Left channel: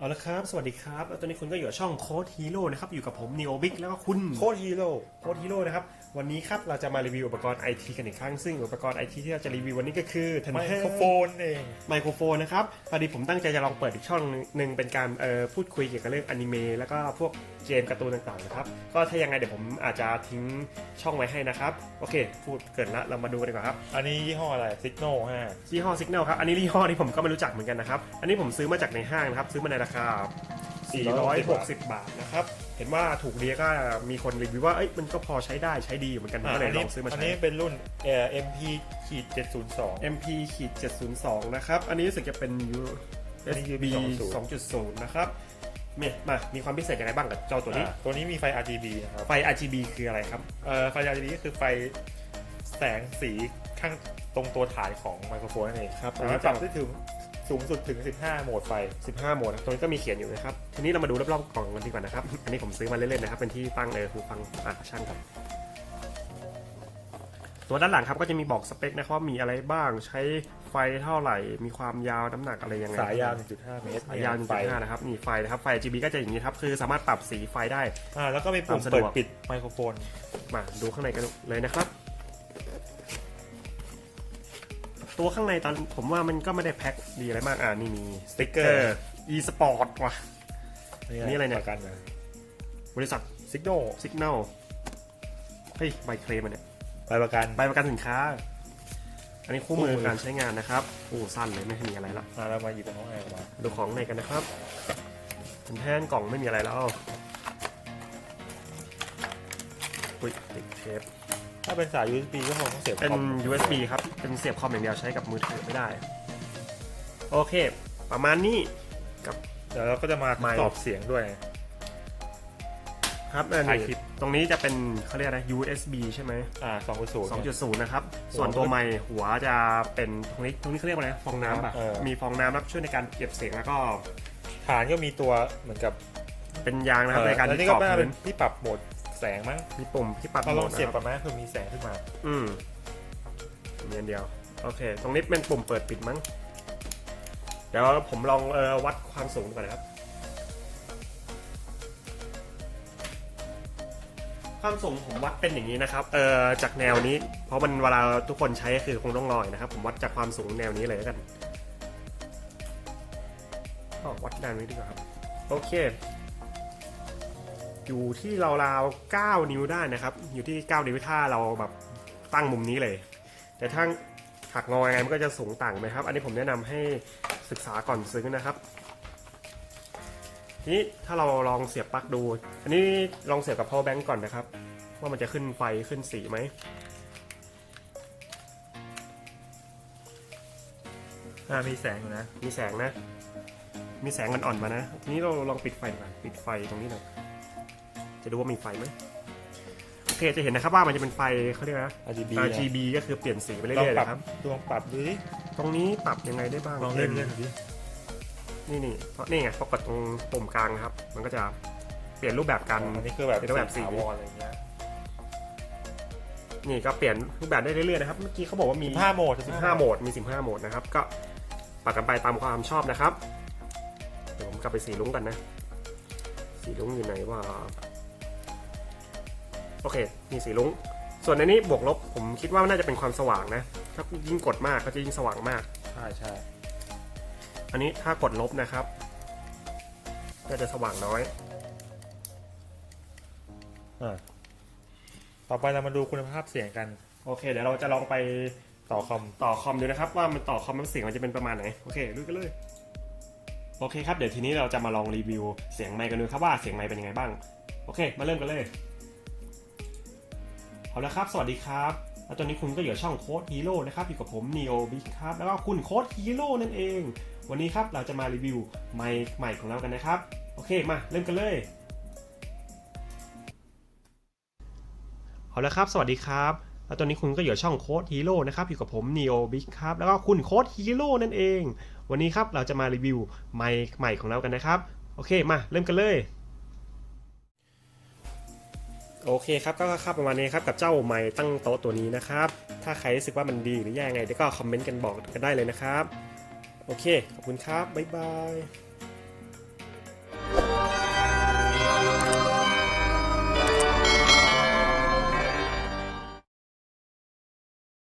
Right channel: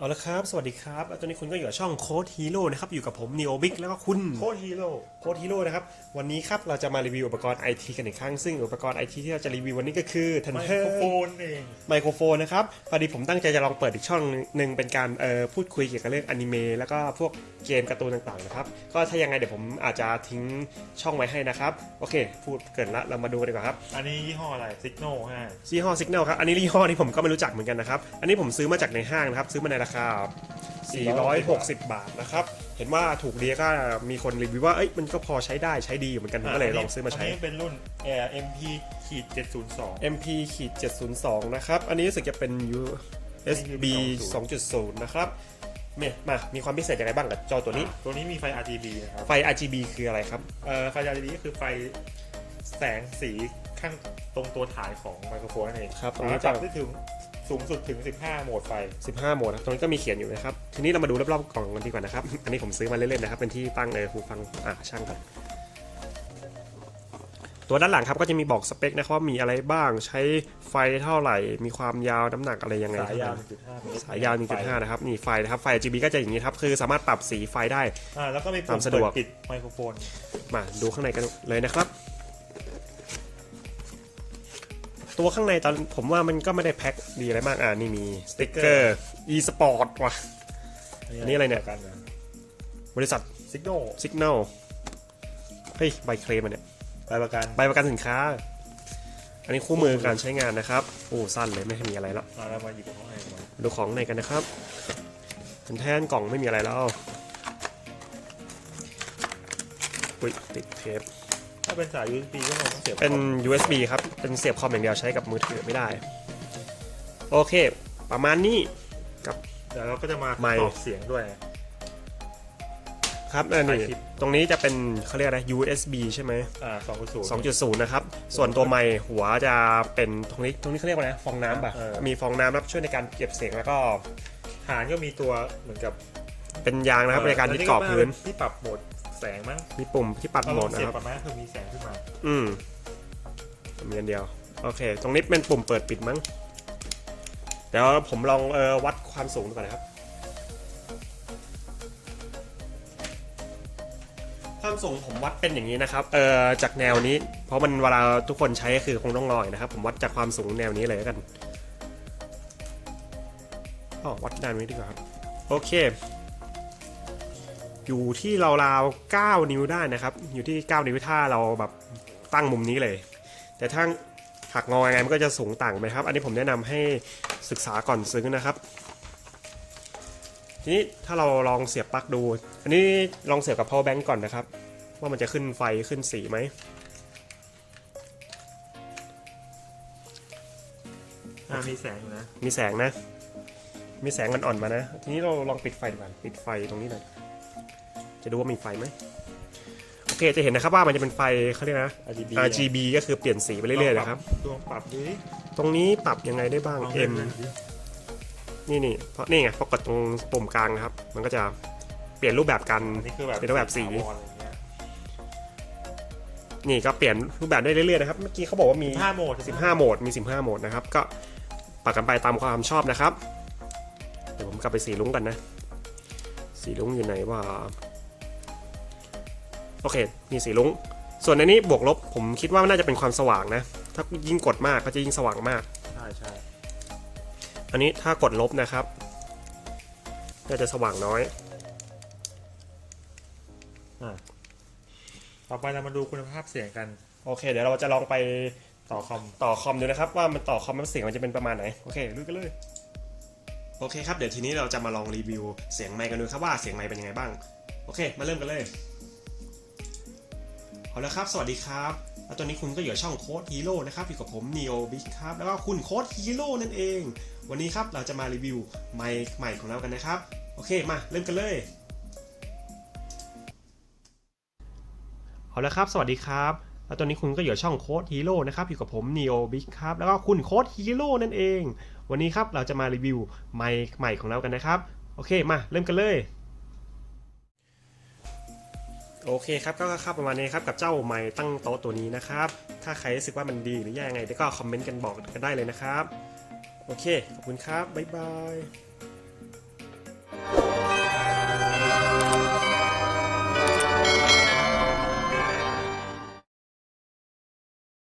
เอาละครับ สวัสดีครับแล้วตอนนี้คุณก็อยู่กับช่องโค้ดฮีโร่นะครับ อยู่กับผมนีโอบิ๊กแล้วก็คุณโคตรฮีโร่โค้ดฮีโร่นะครับ วันนี้ครับ เราจะมารีวิวอุปกรณ์ไอทีกันอีกครั้ง ซึ่งอุปกรณ์ไอทีที่เราจะรีวิววันนี้ก็คือทันไมเทอโครร์โฟนเองไมโครโฟนนะครับพอดีผมตั้งใจจะลองเปิดอีกช่องหนึ่งเป็นการเอ่อพูดคุยเกี่ยวกับเรื่องอนิเมะแล้วก็พวกเกมการ์ตูนต่างๆนะครับ ก็ถ้ายังไงเดี๋ยวผมอาจจะทิ้งช่องไว้ให้นะครับ โอเค พูดเกินละเรามาดูกันดีกว่าครับ อันนี้ยี่ห้ออะไรซิกโนฮะยี่ห้อ Signal ครับ อันนี้ยี่ห้อนี้ผมก็ไม่รู้จักเหมือนกันนะครับ อันนี้ผมซื้อมาจากในห้างนะครับ ซื้อมาในราคา460 บาทนะครับ เห็นว่าถูกเดียก็มีคนรีวิวว่า เอ้ย มันก็พอใช้ได้ใช้ดีอยู่เหมือนกันผมก็เลยลองซื้อมาอันใช้นี้เป็นรุ่นเอ่อ MP ขีด702 MP ขีด702 นะครับ อันนี้รู้สึกจะเป็น USB 2.0 นะครับเนี่ยมา มีความพิเศษยังไงบ้างกับเจ้าตัวนี้อ่าตัวนี้มีไฟ RGB นะครับ ไฟ RGB คืออะไรครับ เอ่อ ไฟ RGB ก็คือไฟแสงสีข้างตรงตัวฐานของไมโครโฟนนั่นเองครับสามารถปรับได้ถึง สูงสุดถึง 15 โหมดไฟ 15 โหมดนะตรงนี้ก็มีเขียนอยู่นะครับ ทีนี้เรามาดูรอบๆกล่องกันดีกว่านะครับ อันนี้ผมซื้อมาเล่นๆนะครับ เป็นที่ตั้งในหูฟังอ่าช่างกันตัวด้านหลังครับก็จะมีบอกสเปคนะครับว่ามีอะไรบ้าง ใช้ไฟเท่าไหร่ มีความยาวน้ำหนักอะไรยังไงสายยาว1.5เมตรสายยาวไฟ1.5นะครับ นี่ไฟนะครับ ไฟ RGB ก็จะอย่างนี้ครับ คือสามารถปรับสีไฟได้ อ่า แล้วก็มีปุ่ความมสะดวกเปิปิดไมโครโฟน มาดูข้างในกันเลยนะครับ ตัวข้างในตอนผมว่ามันก็ไม่ได้แพ็คดีอะไรมากอ่านี่มีสติ๊กเกอร์ e-sport ว่ะนี่อะไรเนี่ยกันเลยบริษัทซิกโน Signal เฮ้ยใบเคลมอันเนี่ยใบประกันใบประกันสินค้า อันนี้คู่มือการใช้งานนะครับโอ้สั้นเลยไม่มีอะไรแล้วอ่าเรามาหยิบของแอนมาดูของในกันนะครับเป็นแท่นกล่องไม่มีอะไรแล้วอุ้ยติดเทป ถ้าเป็นสาย USB ก็คงต้องเสียบเป็นคอม USB ครับ เป็นเสียบคอมอย่างเดียวใช้กับมือถือไม่ได้ โอเค ประมาณนี้กับเดี๋ยวเราก็จะมาไมค์ตอบเสียงด้วย ครับเออนี่ถ่ายคลิป ตรงนี้จะเป็นเขาเรียกอะไร USB ใช่ไหม อ่า2.0 2.0 นะครับ ส่วนตัวไมค์หัวจะเป็นตรงนี้ตรงนี้เขาเรียกว่าอะไรนะฟองน้ำป่ะ เออ มีฟองน้ำครับช่วยในการเก็บเสียงแล้วก็ฐานก็มีตัวเหมือนกับเป็นยางนะครับในการเอ่อที่กรอบแล้วพื้น ที่ปรับโหมด แสงมั้งมีปุ่มที่ปัดเราโหมลอดงนะเสียบครับกับไหมเพื่อมีแสงขึ้นมาอืมมีอันเดียว โอเค ตรงนี้เป็นปุ่มเปิดปิดมั้ง เดี๋ยวผมลองเออวัดความสูงดูก่อนนะครับ ความสูงผมวัดเป็นอย่างนี้นะครับ เออจากแนวนี้ เพราะมันเวลาทุกคนใช้ก็คือคงต้องลอยนะครับ ผมวัดจากความสูงแนวนี้เลยแล้วกันอ๋อวัดแนวนี้ดีกว่าครับโอเค อยู่ที่ราวๆ9นิ้วได้นะครับ อยู่ที่ 9 นิ้วถ้าเราแบบตั้งมุมนี้เลย แต่ถ้าหักงอยังไงมันก็จะสูงต่างไปครับ อันนี้ผมแนะนำให้ศึกษาก่อนซื้อนะครับ ทีนี้ถ้าเราลองเสียบปลั๊กดู อันนี้ลองเสียบกับ power bank ก่อนนะครับ ว่ามันจะขึ้นไฟขึ้นสีไหมอ่ามีแสงอยู่นะ มีแสงนะ มีแสงมันอ่อนมานะ ทีนี้เราลองปิดไฟดีกว่าปิดไฟตรงนี้หน่อย จะดูว่ามีไฟไหมโอเคจะเห็นนะครับว่ามันจะเป็นไฟเขาเรียกนะ RGB RGB ก็คือเปลี่ยนสีไปเรื่อยๆนะครับดวงปรับดูดิตรงนี้ปรับยังไงได้บ้างลองเอ็เล่นม เล่นดินี่นี่เพราะนี่ไงพอกดตรงปุ่มกลางครับ มันก็จะเปลี่ยนรูปแบบการอันนี้คือแบบเป็นรูปแบบสีถาวรอะไรเงี้ยนี่ก็เปลี่ยนรูปแบบได้เรื่อยๆนะครับเมื่อกี้เขาบอกว่ามี15โหมด15 โหมดมี 15 โหมดนะครับ ก็ปรับกันไปตามความชอบนะครับเดี๋ยวผมกลับไปสีลุ้งกันนะ สีลุ้งอยู่ไหนว่า โอเค มีสีลุ้ง ส่วนในนี้บวกลบผมคิดว่าน่าจะเป็นความสว่างนะ ถ้ายิ่งกดมากก็จะยิ่งสว่างมาก ใช่ใช่อันนี้ถ้ากดลบนะครับน่าจะสว่างน้อย อ่าต่อไปเรามาดูคุณภาพเสียงกัน โอเค เดี๋ยวเราจะลองไปต่อคอมต่อคอมดูนะครับ ว่ามันต่อคอมมันเสียงมันจะเป็นประมาณไหน โอเคดูกันเลยโอเคครับ เดี๋ยวทีนี้เราจะมาลองรีวิวเสียงไมค์กันดูครับว่าเสียงไมค์เป็นยังไงบ้าง โอเค มาเริ่มกันเลย เอาละครับ สวัสดีครับแล้วตอนนี้คุณก็อยู่ช่องโค้ดฮีโร่นะครับอยู่กับผมนีโอบิ๊กครับ แล้วก็คุณโค้ดฮีโร่นั่นเอง วันนี้ครับเราจะมารีวิวไมค์ใหม่ของเรากันนะครับ โอเค มาเริ่มกันเลย เอาละครับ สวัสดีครับแล้วตอนนี้คุณก็อยู่ช่องโค้ดฮีโร่นะครับอยู่กับผมนีโอบิ๊กครับ แล้วก็คุณโค้ดฮีโร่นั่นเอง วันนี้ครับเราจะมารีวิวไมค์ใหม่ของเรากันนะครับ โอเค มาเริ่มกันเลย โอเคครับก็ครับประมาณนี้ครับกับเจ้าไม้ตั้งโต๊ะตัวนี้นะครับ ถ้าใครรู้สึกว่ามันดีหรือแย่ยังไงเดี๋ยวก็คอมเมนต์กันบอกกันได้เลยนะครับ โอเค ขอบคุณครับ บ๊ายบาย